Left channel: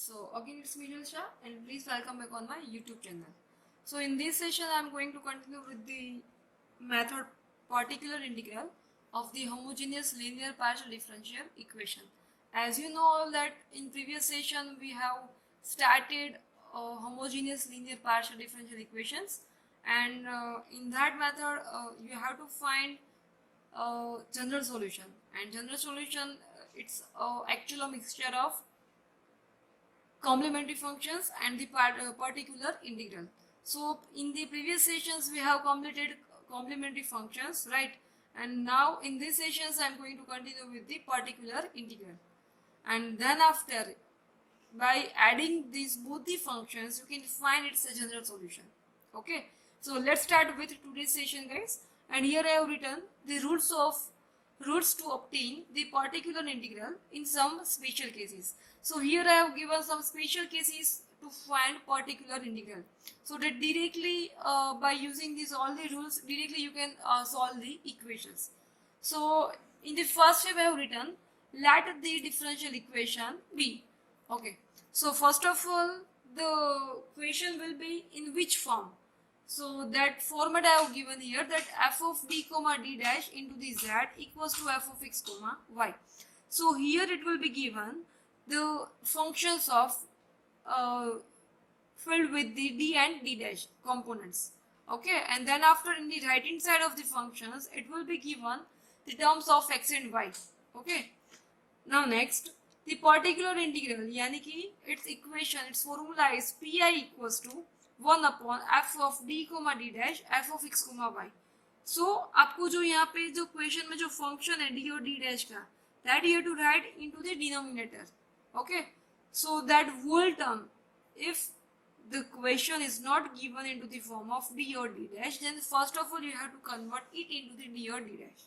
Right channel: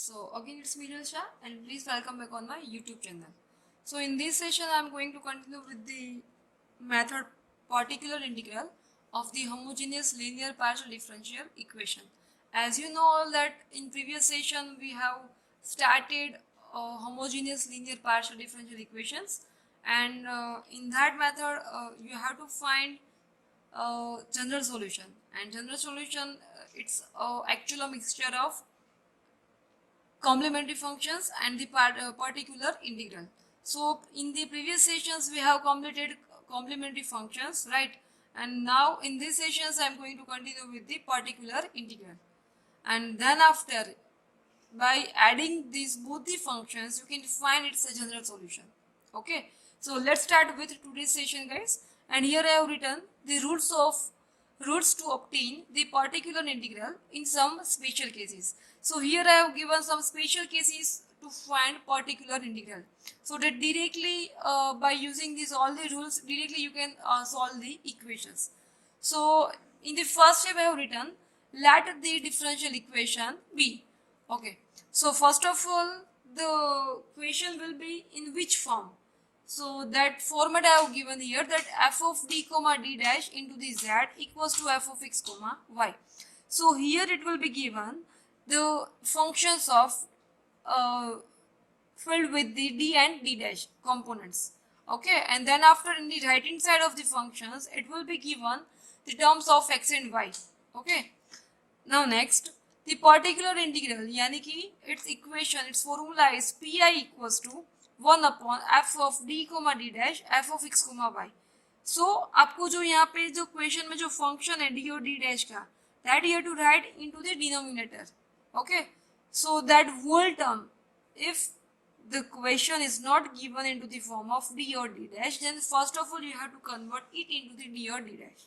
So again it's Mihal Shah and please welcome back on my YouTube channel. So in this session I am going to continue with the method particular integral of the homogeneous linear partial differential equation. As you know all that in previous session we have started homogeneous linear partial differential equations, and in that method you have to find general solution, and general solution it's actually a mixture of complementary functions and the particular integral. So in the previous sessions we have completed complementary functions, right? And now in these sessions I am going to continue with the particular integral, and then after by adding these both the functions you can find it's a general solution. Okay, so let's start with today's session, guys. And here I have written the rules to obtain the particular integral in some special cases. So here I have given some special cases to find particular integral, so that directly by using these all the rules directly you can solve the equations. So in the first step I have written let the differential equation be. Okay, so first of all the question will be in which form. So that format I have given here, that f of d comma d dash into the z equals to f of x comma y. So here it will be given the functions of uh, filled with the d and d dash components. Okay, and then after in the right hand side of the functions it will be given the terms of x and y. Okay, now next the particular integral यानी कि its equation, its formula is pi equals to 1 upon f of d comma d dash f of x comma y. So आपको जो यहाँ पे जो question में जो function है d और d dash का, that you have to write into the denominator. Okay, so that whole term, if the question is not given into the form of d or d dash, then first of all you have to convert it into the d or d dash.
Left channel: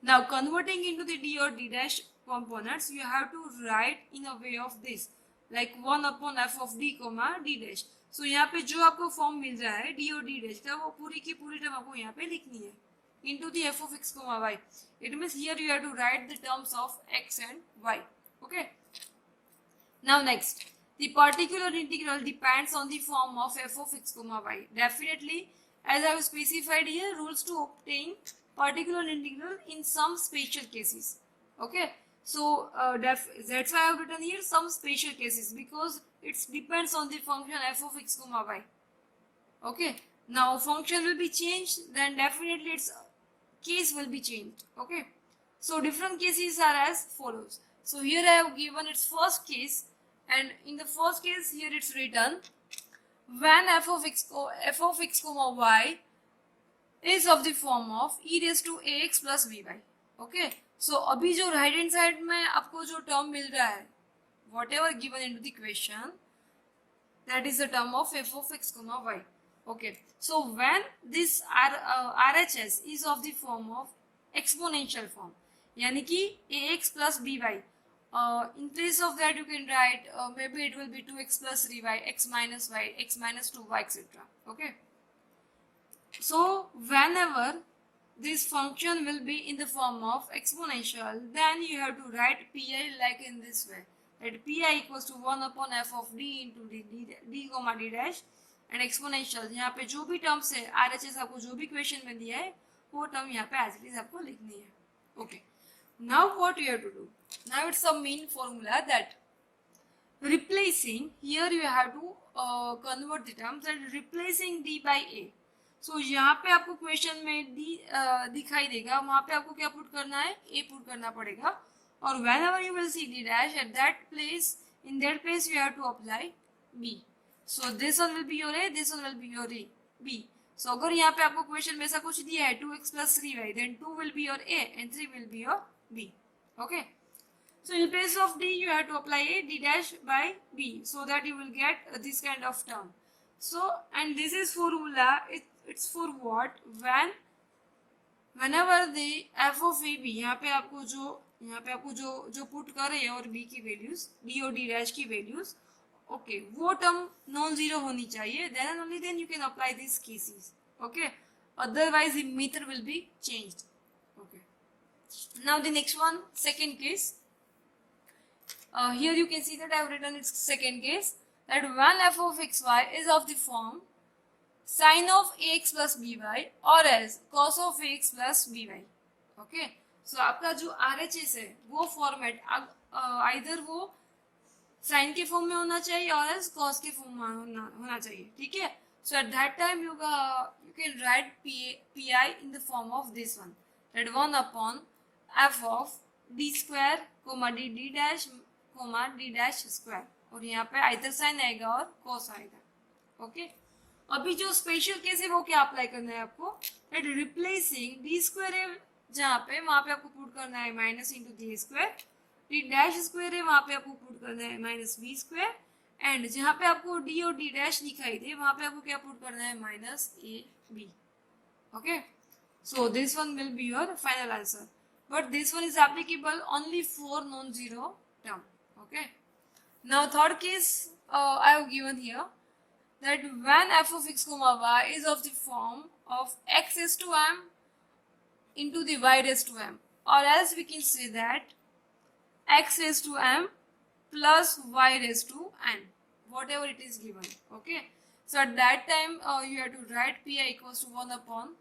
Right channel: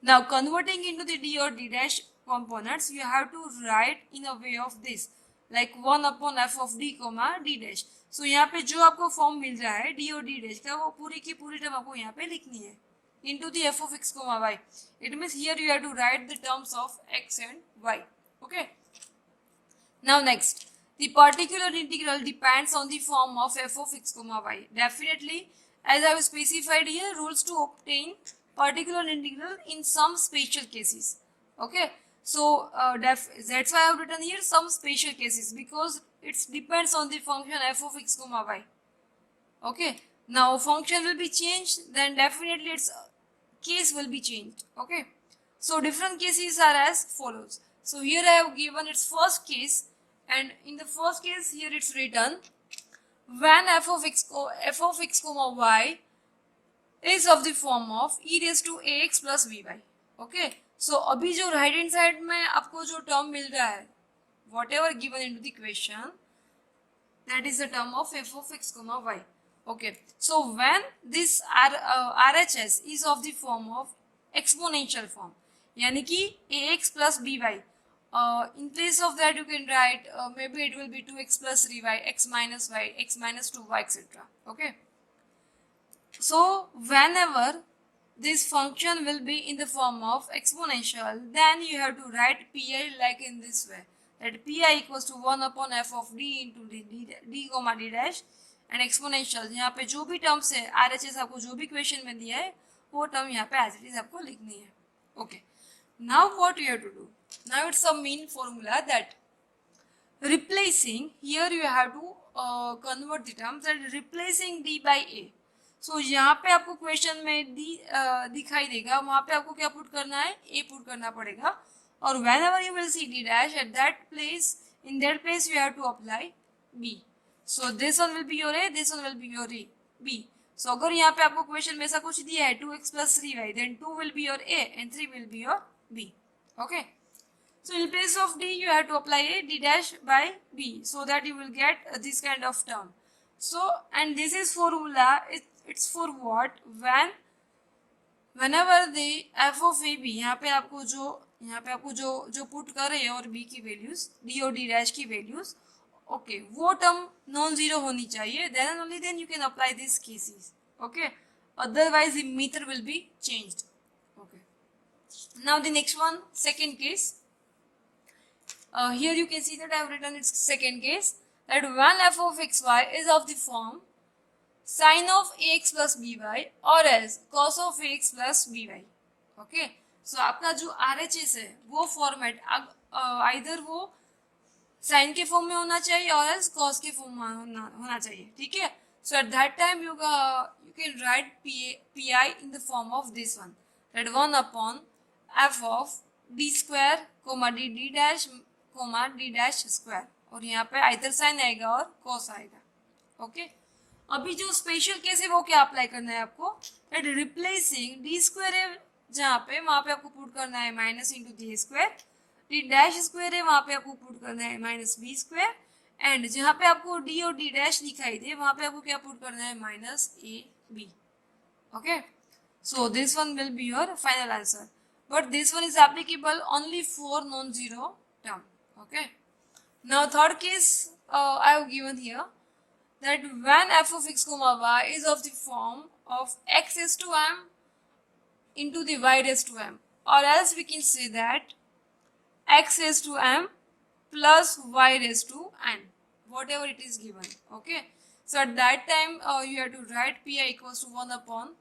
Now converting into the d or d dash components, you have to write in a way of this, like 1 upon f of d comma d dash. So यहाँ पे जो आपको form मिल रहा है d और d dash का, वो पूरी की पूरी टर्म आपको यहाँ पे लिखनी है into the f of x comma y. It means here you have to write the terms of x and y. Okay. Now next, the particular integral depends on the form of f of x comma y. Definitely, as I have specified here, rules to obtain particular integral in some special cases. Okay, so that's why I have written here some special cases, because it depends on the function f of x comma y. Okay, now function will be changed, then definitely its case will be changed. Okay, so different cases are as follows. So here I have given its first case, and in the first case here it's written when f of x comma y is of the form of e raised to ax plus by. Okay, so अभी जो right hand side में आपको जो term मिल रहा है, whatever given into the question, that is the term of f of x comma y. Okay, so when this RHS is of the form of exponential form, यानी कि ax plus by, in place of that you can write maybe it will be 2x plus 3y, x minus 2y, etc. Okay, so whenever this function will be in the form of exponential, then you have to write pi like in this way, that pi equals to 1 upon f of d into d comma d dash and exponential. यहाँ पे जो भी terms है RHS आपको जो भी question में दिया है वो टर्म यहाँ पे एज इट इज आपको लिखनी है. Okay, now what you have to do? Now it's a main formula that replacing, here you have to convert the terms and replacing d by a. So यहाँ पे आपको question में d दिखाई देगा, वहाँ पे आपको क्या पुट करना है, a पुट करना पड़ेगा. और whenever you will see d dash, at that place, in that place you have to apply b. So this one will be your a, this one will be your b. So अगर यहाँ पे आपको question में ऐसा कुछ दिया है 2x plus 3y, then 2 will be your a and 3 will be your b. Okay, so in place of d you have to apply a d dash by b, so that you will get this kind of term. So and this is formula, it's for what, whenever the f of a b, यहाँ पे आपको जो put कर रहे हैं और b की values, d और d dash की वैल्यूज, ओके, वो टर्म नॉन जीरो होनी चाहिए, then only then you can apply these cases. Okay, otherwise the method will be changed. Okay, now the next one, second case, here you can see that I have written its second case, that when f of xy is of the form sin of ax plus by or else cos of ax plus by. Okay, so आपका जो RHS है वो format अब either वो sign के form में होना चाहिए और एल्स कॉस के फॉर्म में होना चाहिए, ठीक है. So at that time you can write P I in the form of this one, that 1 upon F of D square comma D D dash comma D dash square, और यहाँ पे either sign आएगा और cos आएगा. Okay, अभी जो special case है वो क्या अप्लाई करना है आपको, दैट रिप्लेसिंग डी स्क्वायर है जहाँ पे वहाँ पे आपको पुट करना है minus into D square, D dash square है वहाँ पे आपको पुट करना है माइनस बी स्क्वायर, एंड जहाँ पे आपको डी और डी डैश दिखाई दे वहाँ पे आपको क्या पुट करना है minus A B. Okay, so this one will be your final answer, but this one is applicable only for non zero term. Okay, now third case I have given here, that when f of x comma y is of the form of x raised to m into the y raised to m, or else we can say that x raised to m plus y raised to n, whatever it is given. Okay, so at that time you have to write pi equals to 1 upon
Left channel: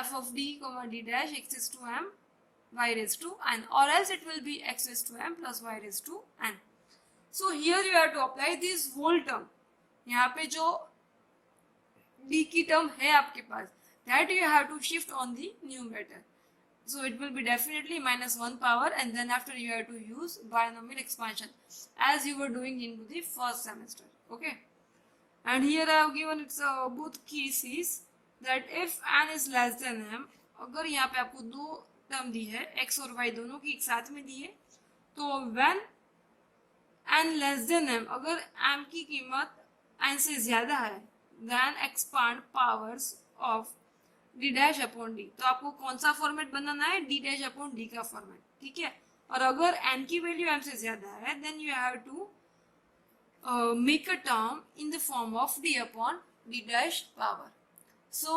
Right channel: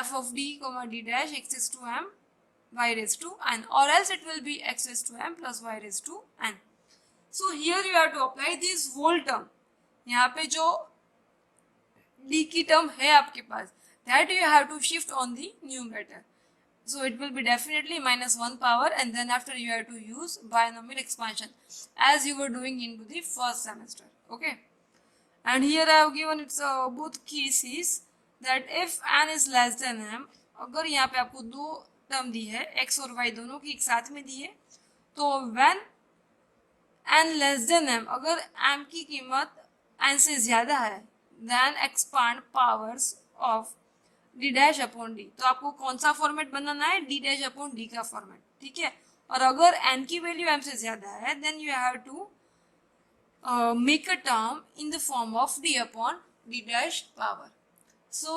f of d comma d dash x raised to m y raised to n, or else it will be x raised to m plus y raised to n. So here you have to apply this whole term. यहाँ पे जो d की term है आपके पास, that you have to shift on the numerator, so it will be definitely minus 1 power, and then after you have to use binomial expansion as you were doing into the first semester. Okay, and here I have given its both cases, that if n is less than m, अगर यहाँ पे आपको दो term दी है x और y दोनों की एक साथ में दी है, तो when n less than m, अगर m की कीमत n से ज्यादा है, then expand powers of D dash upon D, तो आपको कौन सा फॉर्मेट बनाना है, डी डैश अपॉन डी का फॉर्मेट, ठीक है. और अगर n की वैल्यू m से ज्यादा है, then you have to make a term in the form of D upon D dash power. So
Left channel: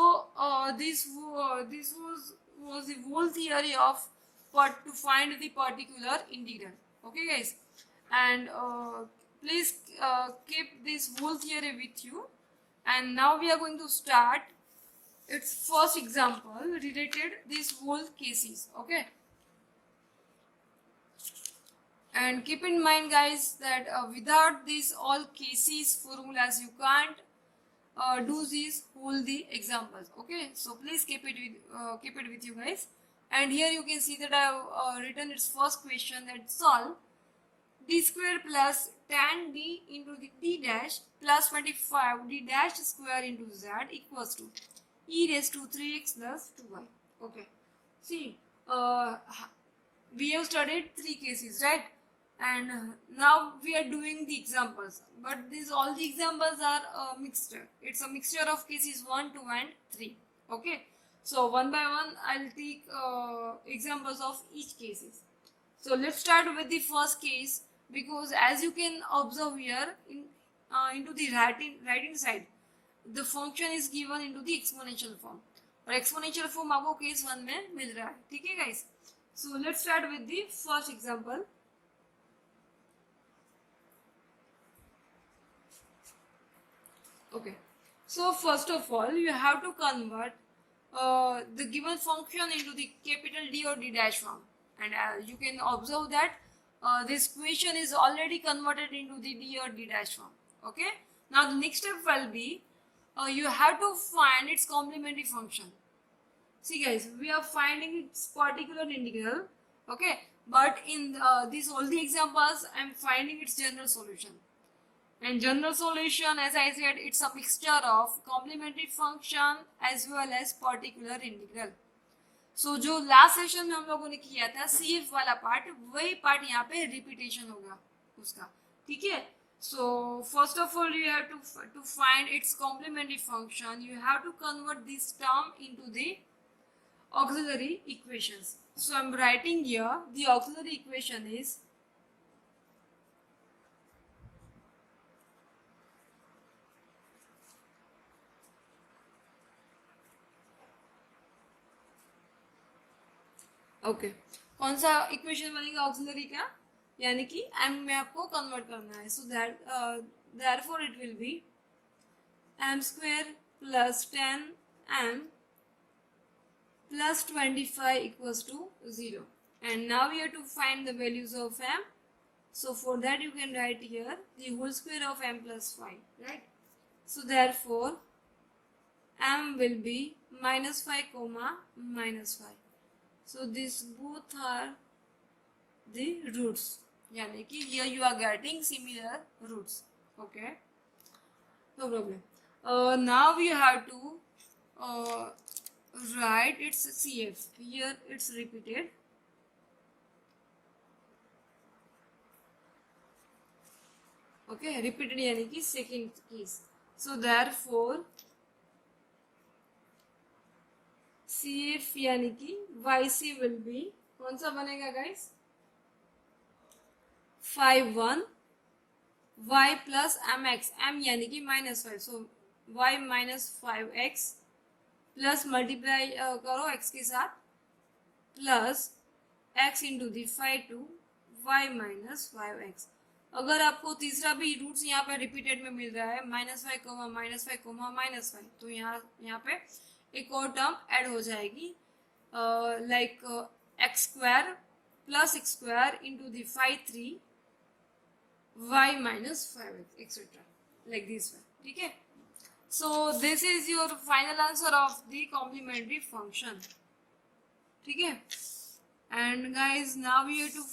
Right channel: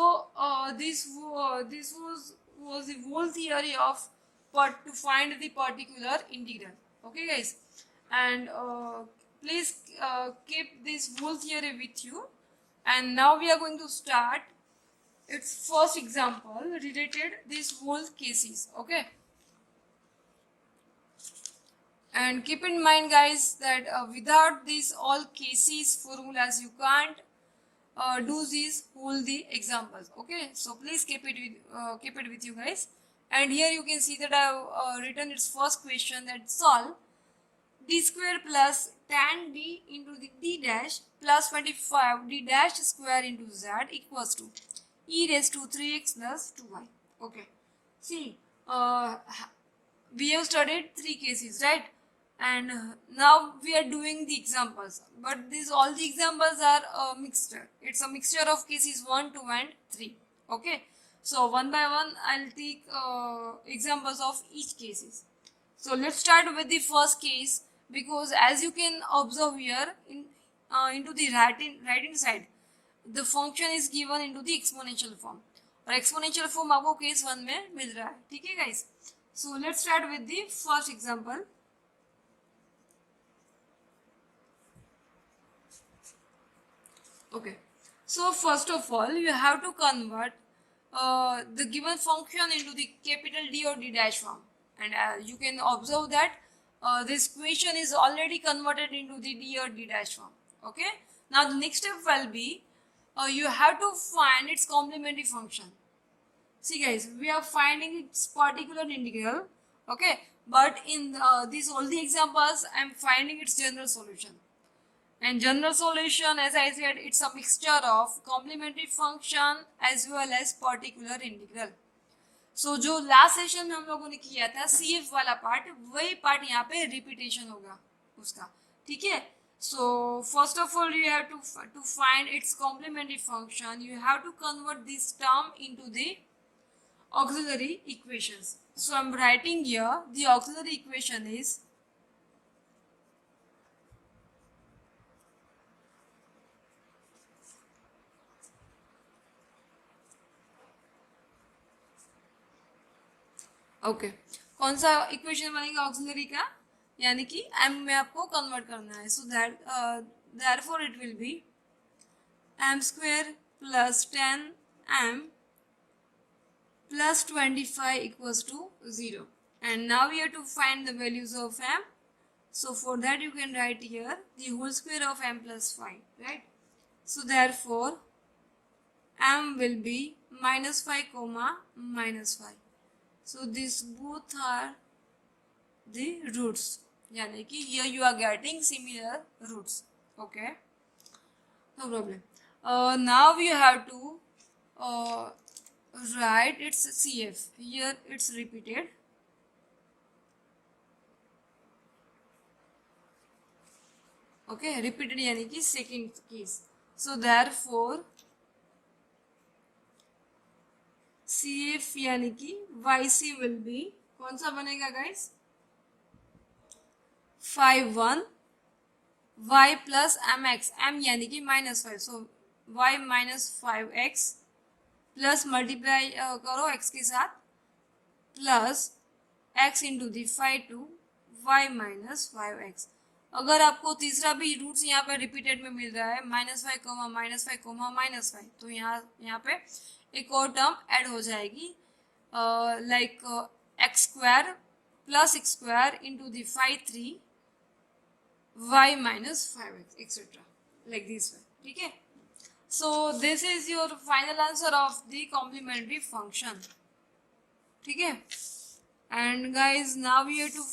this was the whole theory of to find the particular integral. Okay guys, and please keep this whole theory with you, and now we are going to start its first example related these whole cases. Okay, and keep in mind guys that without these all cases formulas you can't do these whole the examples. Okay, so please keep it with you guys. And here you can see that I have written its first question, that solve d square plus tan d into the d dash plus 25 d dash square into z equals to e raised to 3x plus 2y. Okay, see, we have studied three cases, right? And now we are doing the examples, but all the examples are a mixture. It's a mixture of cases 1, 2 and 3. Okay, so one by one I'll take examples of each cases. So let's start with the first case, because as you can observe here into the right hand side, the function is given into the exponential form, और exponential form आपको case 1 में मिल रहा है, ठीक है guys. So let's start with the first example. Okay, so first of all you have to convert the given function into the capital D or D dash form, and you can observe that this equation is already converted into the D or D dash form. Okay, now the next step will be you have to find its complementary function. See guys, we are finding its particular integral. Okay, but in these all the examples I am finding its general solution. And general solution, as I said, it's a mixture of complementary function as well as particular integral. So जो last session में हम लोगों ने किया था CF वाला part, वही part यहाँ पे रिपीटेशन होगा उसका, ठीक है. So first of all you have to find its complementary function, you have to convert this term into the auxiliary equations. So I'm writing here the auxiliary equation is okay, कौन सा equation बनेगा auxiliary का, यानी कि m में आपको convert करना है. So that therefore it will be m square plus 10m plus 25 equals to 0. And now we have to find the values of m. So for that you can write here the whole square of m plus 5, right? So therefore m will be minus 5 comma minus 5. So these both are the roots, yani ki here you are getting similar roots. Okay, no problem. Now you have to uh, write its CF. Here it's repeated. Okay, repeated यानी कि second case. So therefore CF यानी कि YC will be कौन सा बनेगा guys? 5 1 y plus mx, m यानी कि -5. So y minus 5x plus multiply करो x के साथ plus x into the 5 to y minus 5x. अगर आपको तीसरा भी रूट्स यहाँ पे रिपीटेड में मिल रहा है -5 कोमा -5 तो यहाँ पे एक और टर्म ऐड हो जाएगी like x square plus x square into the 5 3 y minus 5x etc. like this way. ठीक है. So this is your final answer of the complementary function. ठीक है. And guys now we have to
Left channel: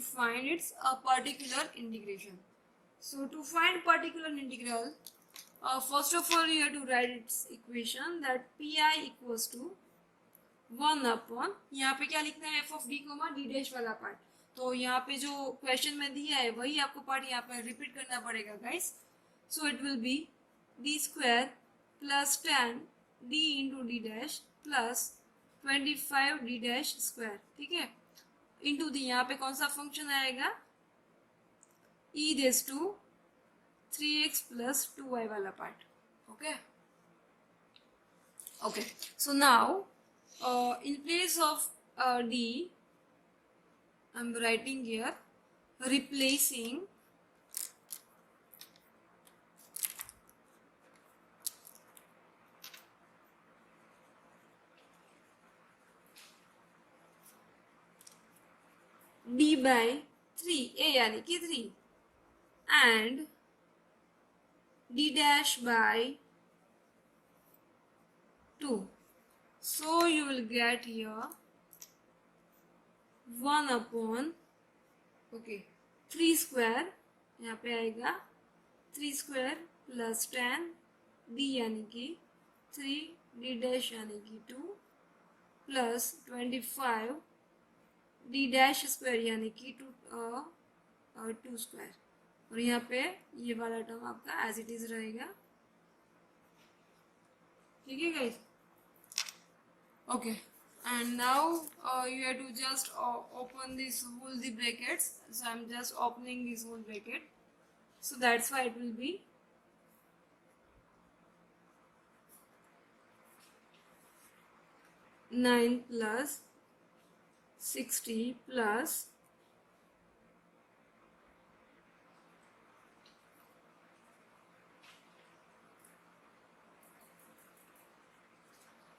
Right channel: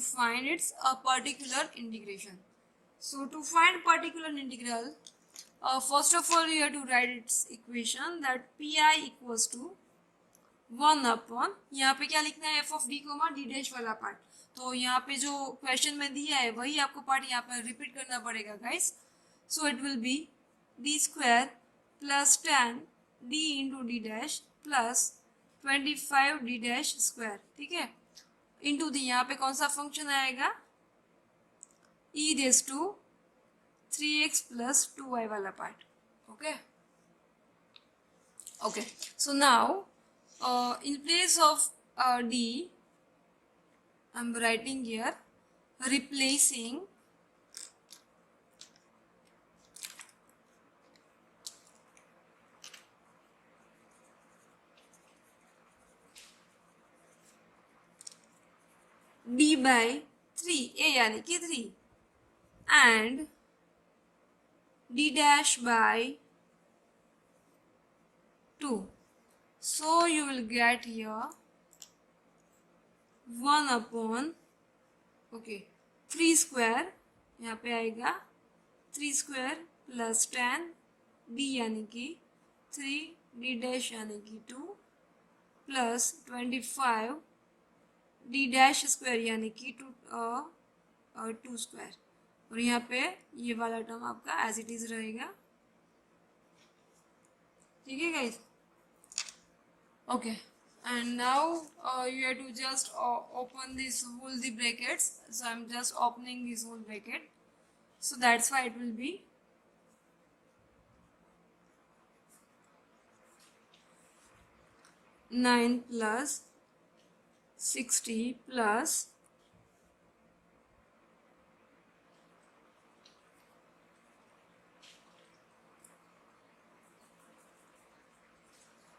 find its a particular integration. So to find particular integral, first of all you have to write its equation that pi equals to 1 upon यहाँ पे क्या लिखना है f ऑफ d comma d dash वाला part. तो यहाँ पे जो क्वेश्चन में दिया है वही आपको पार्ट यहाँ पे रिपीट करना पड़ेगा guys. So it will B d square plus 10 d into D dash plus 25 d dash square. ठीक है. इंटू दी यहाँ पे कौन सा फंक्शन आएगा e raise to 3x plus 2y वाला part. Okay okay. So now in place of d I'm writing here replacing d by 3 a यानी कि 3 and d dash by 2. So you will get here 1 upon 3 square यहाँ पे आएगा 3 square plus 10 d यानी कि 3 d dash यानी कि 2 plus 25 d dash square यानी कि 2 स्क्वायर. और यहाँ पे ये वाला टर्म आपका एज इट इज रहेगा. ठीक है guys. Okay, and now you have to just open this whole the brackets. So I'm just opening this whole bracket. So that's why it will be 9 plus 60 plus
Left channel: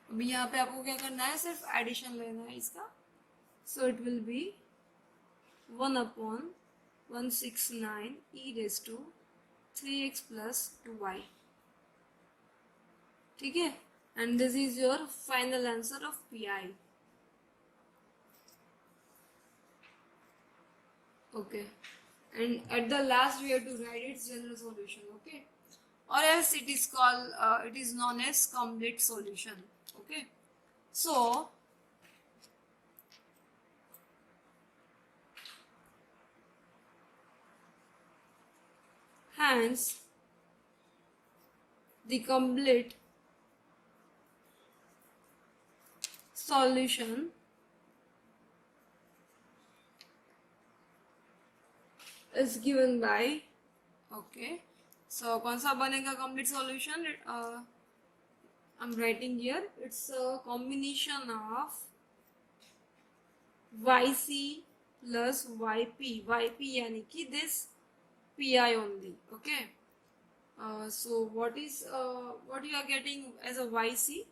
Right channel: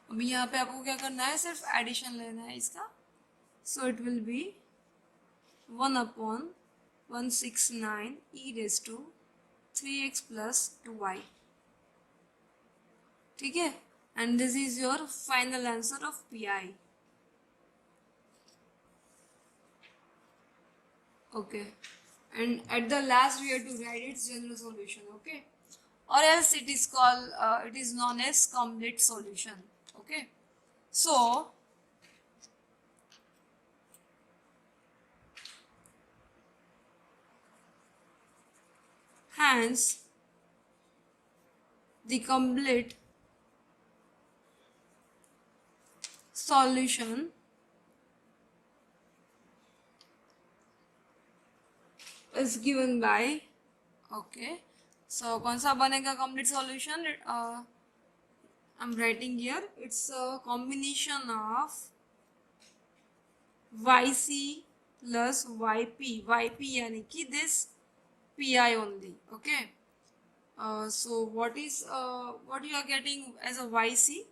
अभी यहाँ पे आपको क्या करना है सिर्फ एडिशन लेना है इसका. So it will be 1 upon 169 e raise to 3x plus 2y. ठीक है. And this is your final answer of pi. Okay. And at the last we have to write its general solution. Okay. or else it is called it is known as complete solution. Okay, so hence the complete solution is given by okay. So कौन सा बनेगा complete solution? I'm writing here, it's a combination of yc plus yp yani ki this pi only. Okay. So what is what you are getting as a yc?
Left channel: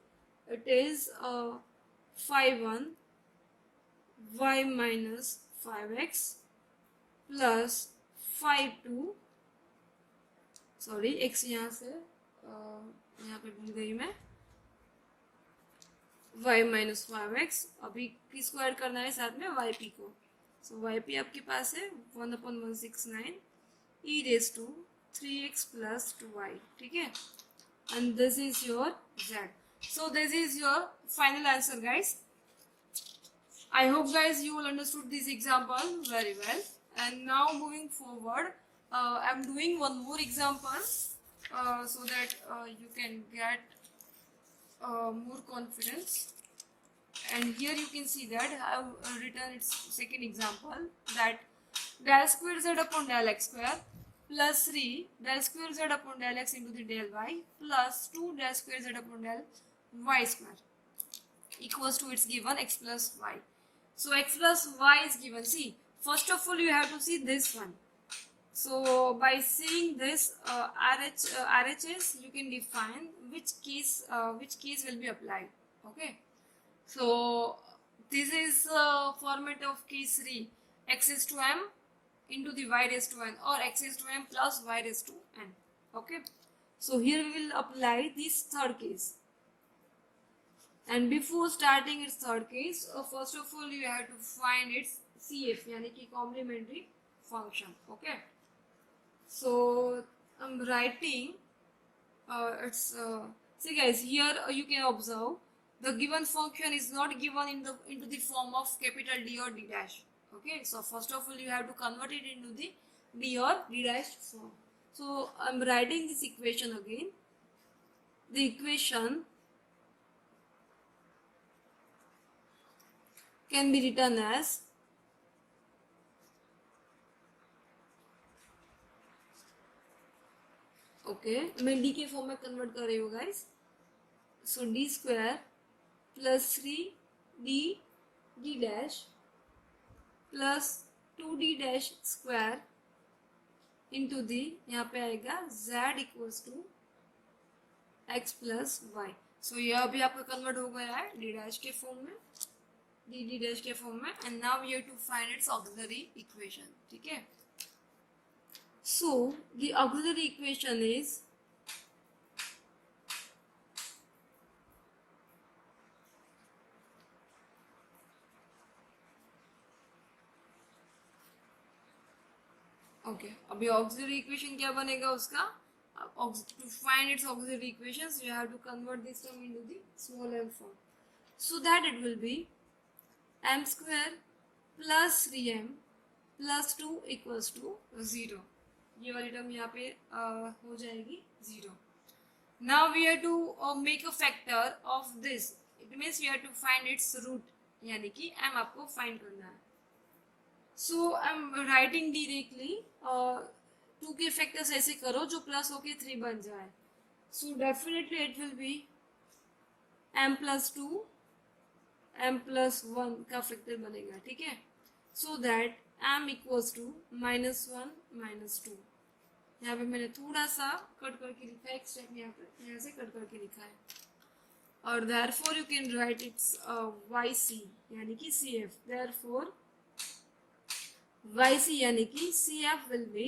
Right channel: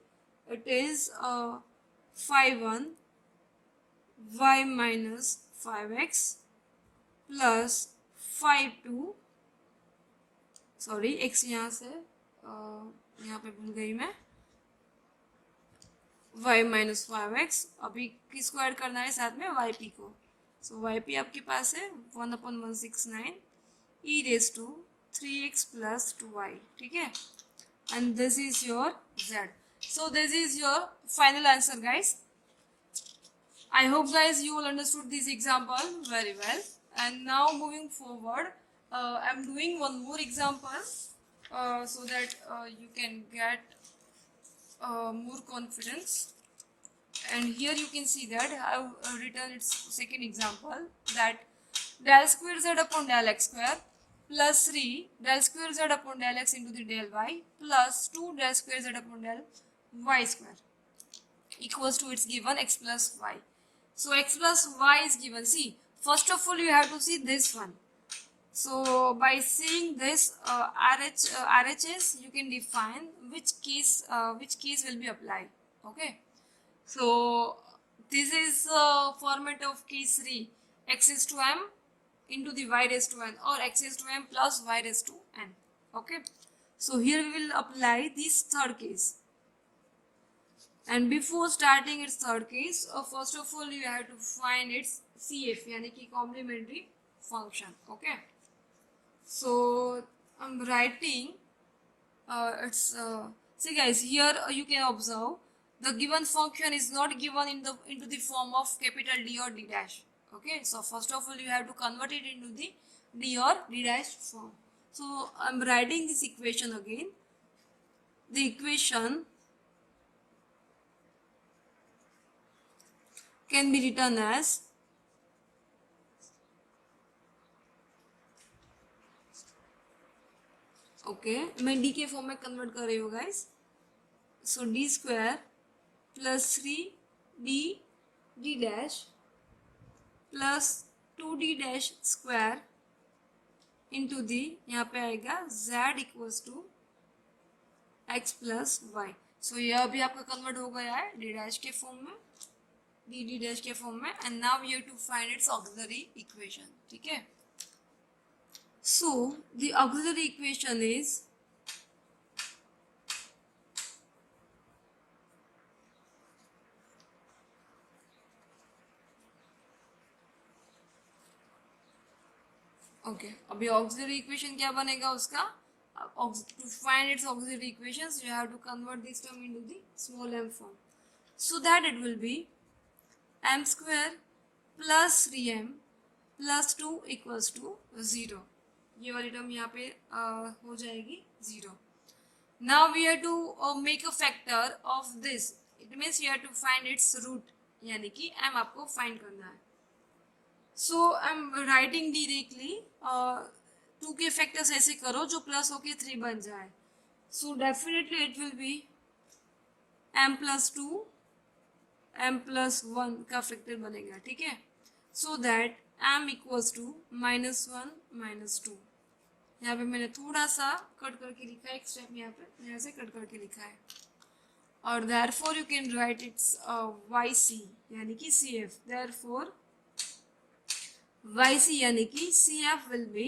It is 5 1 y minus 5x plus 5 2, sorry x यहाँ से यहाँ पे भूल गई मैं, y minus 5x, अभी किसको add करना है साथ में, yp को. सो yp आपके पास है 1/169 e raise to 3x plus 2y. ठीक है, and this is your z. So this is your final answer, guys. I hope guys you all understood this example very well. And now moving forward, I'm doing one more example so that you can get more confidence. And here you can see that I've written its second example, that del square z upon del x square plus 3 del square z upon del x into the del y plus 2 del square z upon del y square equals to its given x plus y. So x plus y is given. See, first of all you have to see this one. So by seeing this RHS, you can define which case will be applied. Okay. So this is format of case 3, x is to m into the y raised to n, or x is to m plus y raised to n. Okay. So here we will apply this third case. And before starting its third case, first of all you have to find its CF, यानी कि complementary function. Okay. So I'm writing it's see guys, here you can observe the given function is not given into the form of capital D or D dash. Okay. So first of all you have to convert it into the D or D dash form. So I'm writing this equation again. The equation can be written as मैं d के form में convert कर रही हूँ guys. So D square plus 3d d dash plus 2d dash square into D, यहाँ पे आएगा z equals to x plus Y. So यह अभी आपका कन्वर्ट हो गया है d डैश के फॉर्म में, d डैश के फॉर्म में. And now you have to find its auxiliary equation. ठीक है. So the auxiliary equation is अभी auxiliary equation क्या बनेगा उसका, to find its auxiliary equations you have to convert this term into the small m form, so that it will be m square plus 3m plus 2 equals to 0. ये वाली term यहाँ पे हो जाएगी 0. Now we have to make a factor of this. It means you have to find its root, यानी कि m आपको find करना है. So I am writing directly 2 के फैक्टर्स ऐसे करो जो प्लस होके 3 बन जाए. So definitely it will be m plus 2 m plus 1 का फैक्टर बनेगा. ठीक है. So that m equals to -1 -2. यहाँ पे मैंने थोड़ा सा कट करके लिखा है, एक स्टेप यहाँ से कट करके लिखा है. और therefore you can write its yc यानी कि cf. therefore yc यानी कि cf will be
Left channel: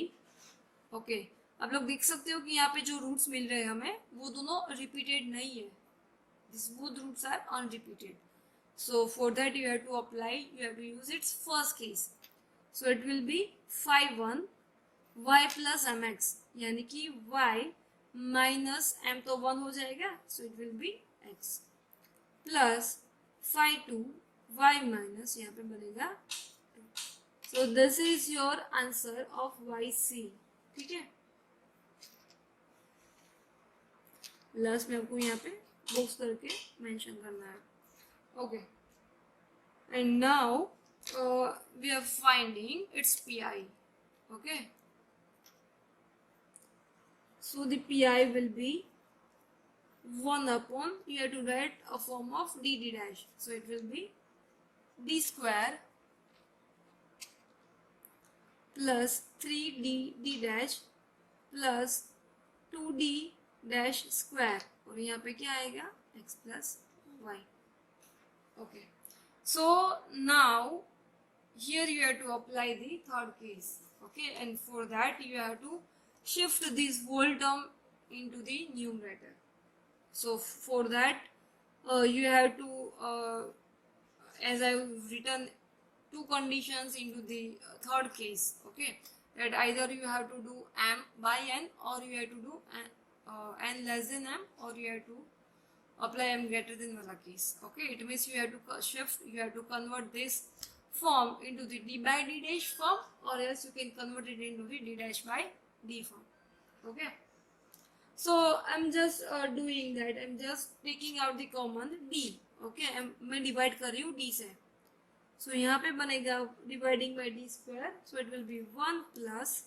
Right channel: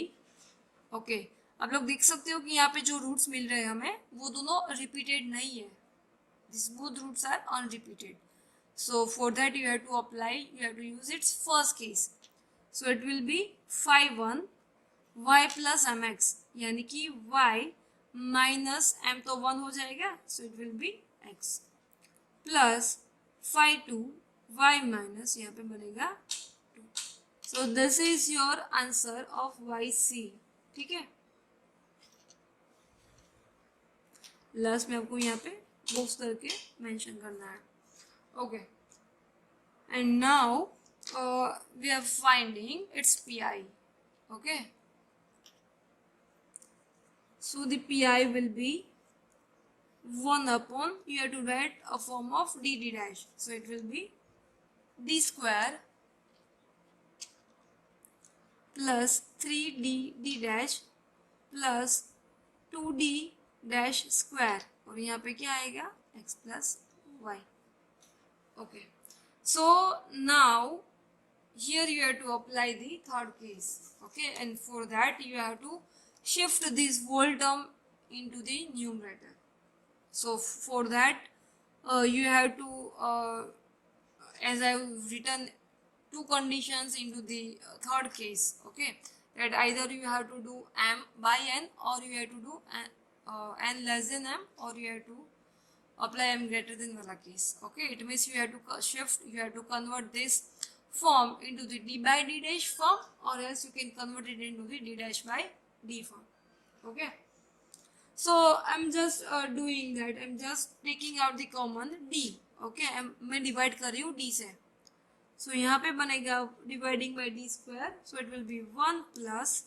okay. आप लोग देख सकते हो कि यहाँ पे जो रूट्स मिल रहे हैं हमें वो दोनों रिपीटेड नहीं है. This both roots are unrepeated. So for that you have to apply, you have to use its first case. So it will be 5 1 y plus mx, यानी कि y माइनस m तो 1 हो जाएगा, so it will be x plus 5 2 y minus यहाँ पे बनेगा 2. So this is your answer of yc. ठीक है. लास्ट में आपको यहाँ पे बॉक्स करके मेंशन करना है. Okay. And now we are finding its pi. Okay. So the pi will be 1 upon, you have to write a form of dd dash. So it will be d square plus 3d d dash plus 2d dash square, और यहाँ पे क्या आएगा x plus y. Okay, so now here you have to apply the third case. Okay, and for that you have to shift this whole term into the numerator. So for that you have to as I have written two conditions into the third case. Okay, that either you have to do m by n, or you have to do n less than m, or you have to apply m greater than wala case. Okay, it means you have to shift, you have to convert this form into the d by d dash form, or else you can convert it into the d dash by d form. Okay, so I'm just doing that. I'm just taking out the common d. Okay, मैं divide कर रही हूँ d से. So यहाँ पे बनेगा dividing by d square. So it will be 1 plus,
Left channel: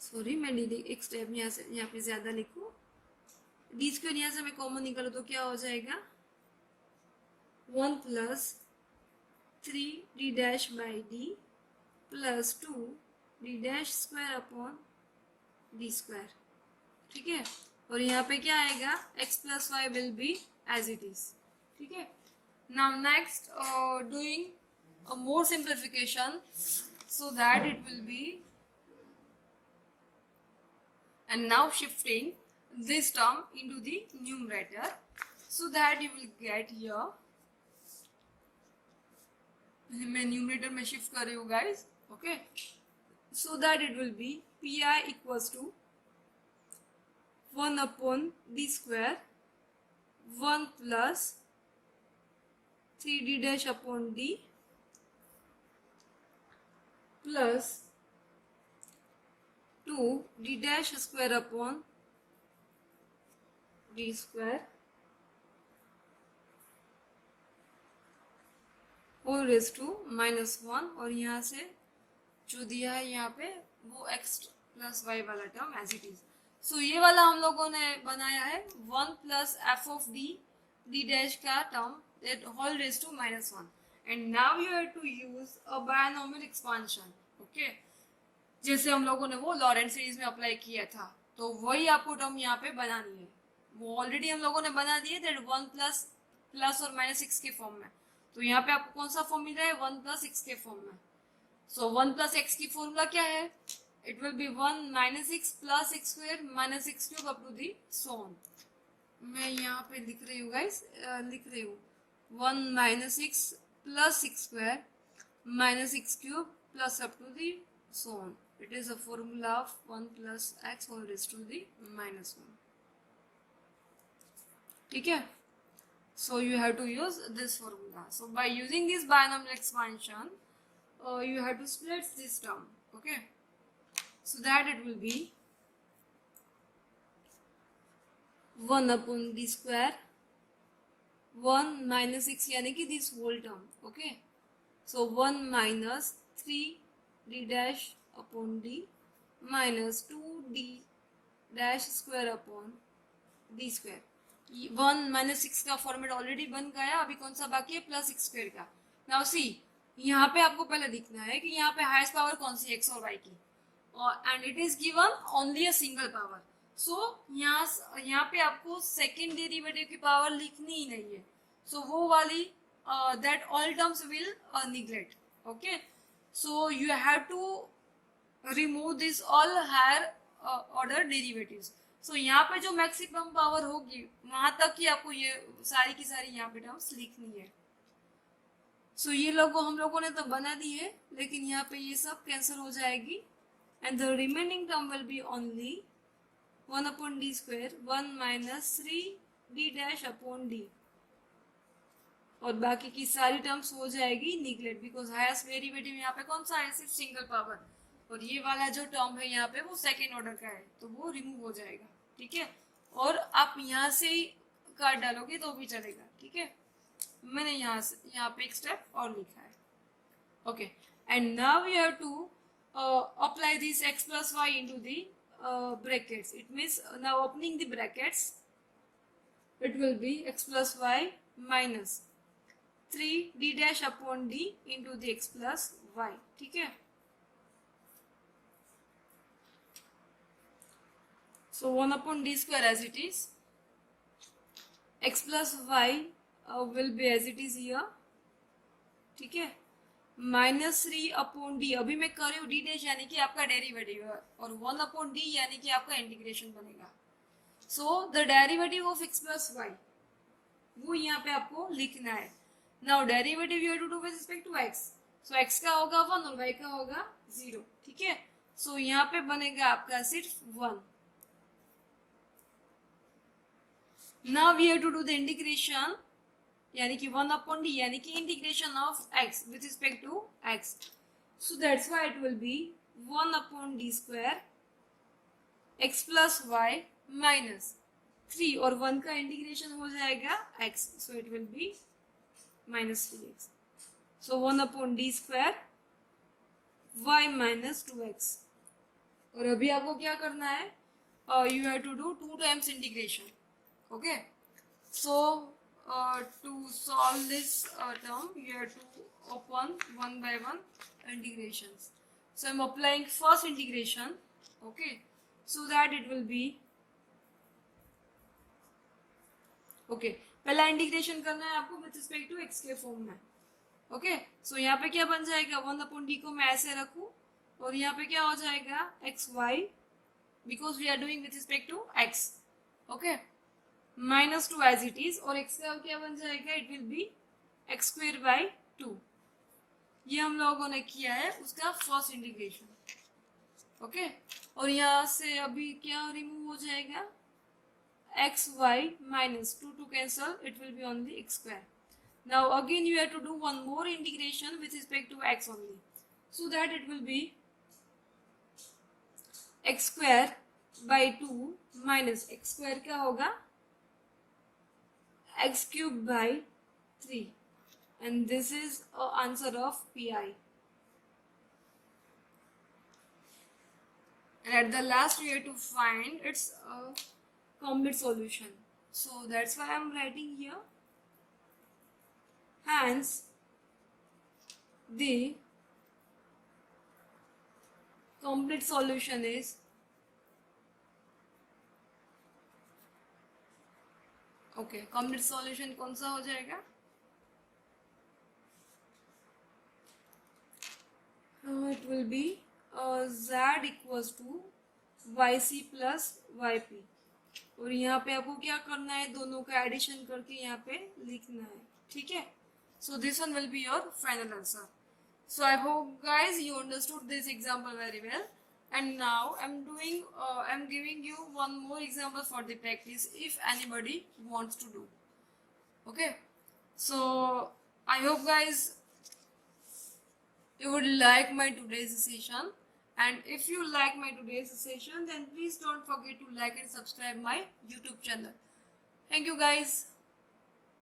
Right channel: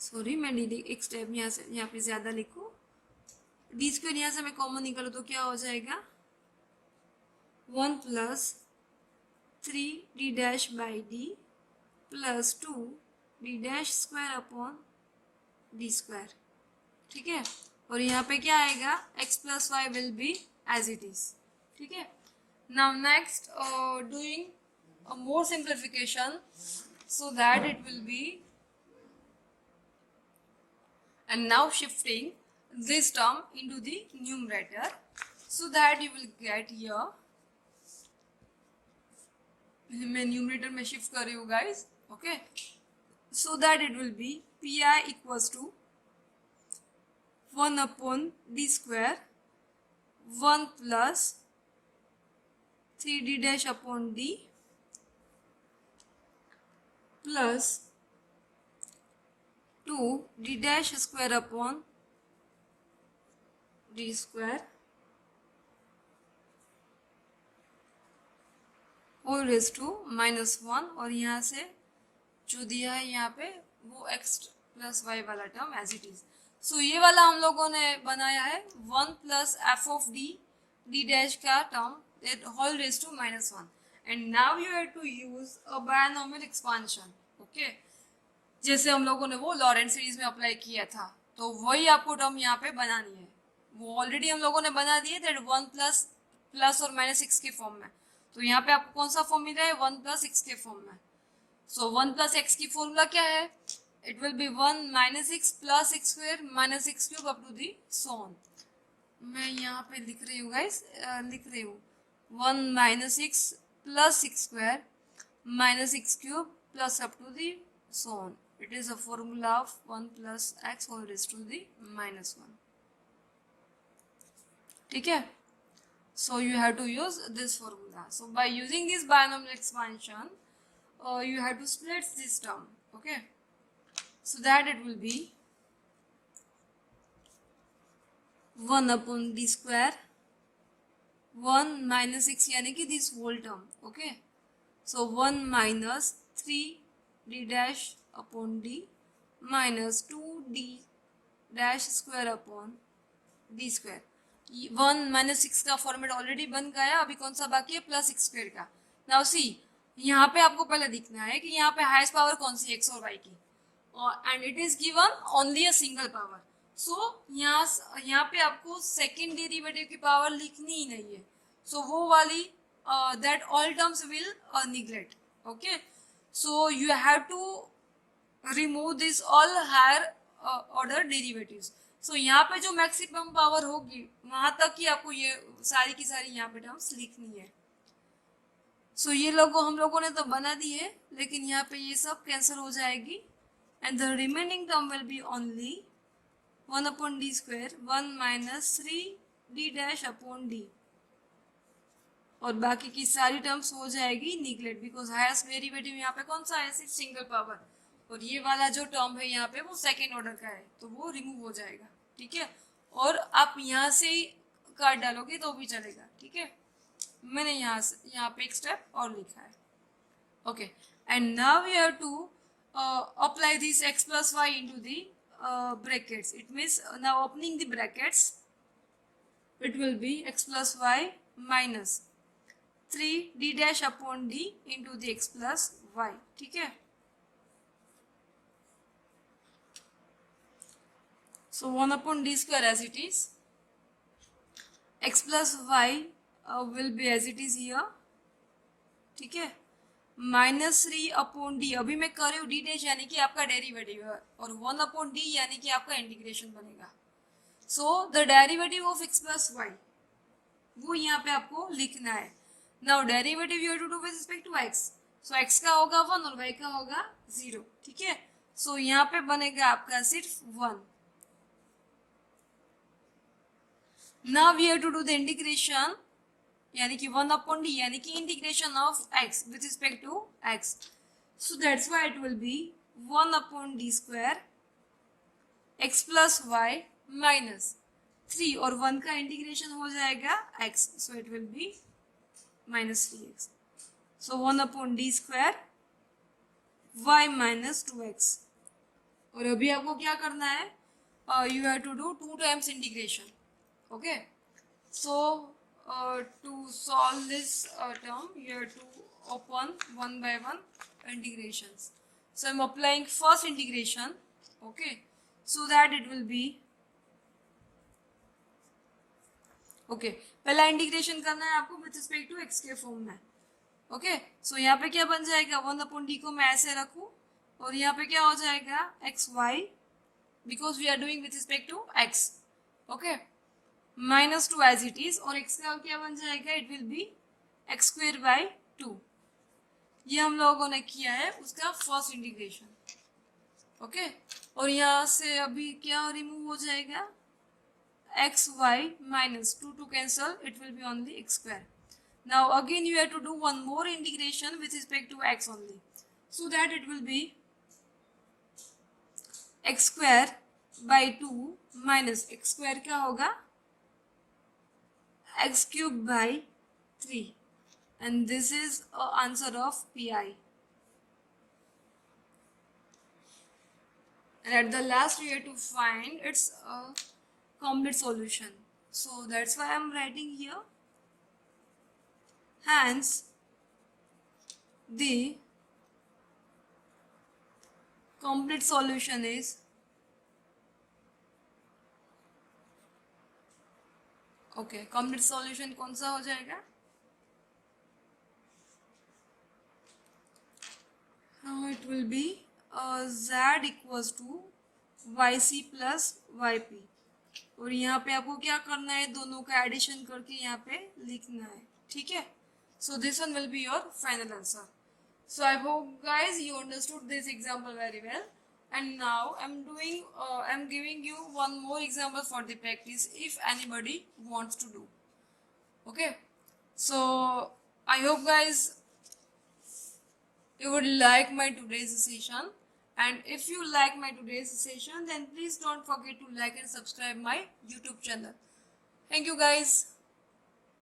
sorry मैं D एक स्टेप यहाँ पे ज़्यादा लिखूँ. डी स्क्वायर यहाँ से मैं कॉमन निकालूँ तो क्या हो जाएगा 1 plus 3d dash by D plus 2d dash square upon D square. ठीक है, और यहाँ पे क्या आएगा x plus Y will be as it is. ठीक है, now next doing a more simplification so that it will be, and now shifting this term into the numerator so that you will get here, मैं numerator में shift कर रही हूँ guys. Okay, so that it will be pi equals to 1 upon d square 1 plus 3d dash upon d plus 2d dash square upon d square whole raise to -1, और यहाँ से जो दिया है यहाँ पे वो x प्लस वाई वाला term as it is. So ये वाला हम लोगों ने बनाया है 1 plus F of D D dash का term whole raise to -1. And now you have to use a binomial expansion. Okay, जैसे हम लोगों ने वो लॉरेंट सीरीज में अप्लाई किया था, तो वही आपको टर्म यहाँ पे बनानी है. वो ऑलरेडी हम लोगों ने बना दिए दैट 1 प्लस और -6 के फॉर्म में. तो यहाँ पे आपको कौन सा फॉर्म मिल रहा है 1 प्लस x के फॉर्म में. सो 1 प्लस x की फॉर्मूला क्या है, it will be 1 minus x plus x square minus x cube up to the so on. मैं यहाँ पे लिख रही हूँ गाइस, लिख रही हूँ 1 minus x plus x square minus x cube plus up to the so on. It is a formula of 1 plus x whole raise to the -1. ठीक है, so you have to use this formula. So by using this binomial expansion you have to split this term. Okay, so that it will be 1 upon d square 1 minus 6 यानी कि this whole term. Okay, so 1 minus 3d dash upon d minus 2d dash square upon d square. 1 minus 6 का format already बन गया, अभी कौन सा बाकी है प्लस x स्क्वायर का. नाउ सी यहाँ पे आपको पहले दिखना है कि यहाँ पे हाईएस्ट पावर कौन सी x और y की, and it is given only a single power. So यहाँ पे आपको सेकेंड डेरिवेटिव की पावर लिखनी ही नहीं है. सो वो वाली that all terms will neglect. Okay, so you have to remove this all higher order derivatives. So यहाँ पे जो मैक्सिमम पावर होगी वहां तक ही आपको ये सारी की सारी यहाँ पे टर्म्स लिखनी है. सो ये लोगों हम लोगों ने तो बना दी है, लेकिन यहाँ पे ये सब कैंसिल हो जाएगी and the remaining term will be only 1 upon D square 1 minus 3d dash upon D, और बाकी की सारी टर्म्स हो जाएगी निगलेक्ट बिकॉज हाईएस्ट डेरिवेटिव यहाँ पे कौन सा है सिर्फ सिंगल पावर, और ये वाला जो टर्म है यहाँ पे वो सेकेंड ऑर्डर का है तो वो रिमूव हो जाएगा. ठीक है, और आप यहाँ से ही काट डालोगे तो भी चलेगा. ठीक है, मैंने यहाँ पे एक स्टेप और लिखा है. Okay, and now we have to apply this x plus Y into the brackets. It means now opening the brackets, it will be x plus y minus 3d dash upon d into the x plus y. ठीक है. So 1 upon d square as it is. X plus y will be as it is here. ठीक है. -3 upon D, अभी मैं कर रही हूँ D dash यानी कि आपका डेरिवेटिव है, और 1 अपॉन डी यानी कि आपका इंटीग्रेशन बनेगा. So the derivative of x plus Y वो यहाँ पे आपको लिखना है. Now derivative you have to do with respect to x. So x का होगा 1 और y का होगा 0. ठीक है. सो यहाँ पे बनेगा आपका सिर्फ 1. Now we have to do the integration यानी कि 1 अपॉन डी यानी कि integration of x with respect to x. So that's why it will be 1 upon D square x plus Y minus 3 और 1 का इंटीग्रेशन हो जाएगा x. So it will be minus 3x. So 1 upon D square y minus 2x. और अभी आपको क्या करना है, you have to do 2 times integration. Okay. So to solve this term, you have to open one by one integrations. So I'm applying first integration, okay, so that it will be okay. पहला integration करना है आपको with respect to x के form में. Okay. सो यहाँ पे क्या बन जाएगा, 1 अपॉन डी को मैं ऐसे रखूँ और यहाँ पे क्या हो जाएगा X Y, because we are doing with respect to x. Okay. -2 as it is, और x का क्या बन जाएगा, it will be X square by 2. ये हम लोगों ने किया है उसका फर्स्ट इंटीग्रेशन. ओके. और यहाँ से अभी क्या रिमूव हो जाएगा, X Y minus 2 cancel, it will be only X square. Now again you have to do one more integration with respect to x only, so that it will be X square by 2 minus X square क्या होगा x cube by 3, and this is answer of pi. And at the last we have to find its complete solution. So that's why I'm writing here. Hence the complete solution is okay. Complete solution कौन सा हो जाएगा, it will be z equals to y c plus y p. और यहाँ पे आपको क्या करना है, दोनों का एडिशन करके यहाँ पे लिखना है. ठीक है. सो this one will be your final answer. So I hope guys you understood this example very well. And now I'm giving you one more example for the practice if anybody wants to do. Okay. So I hope guys you would like my today's session, and if you like my today's session then please don't forget to like and subscribe my YouTube channel. Thank you guys.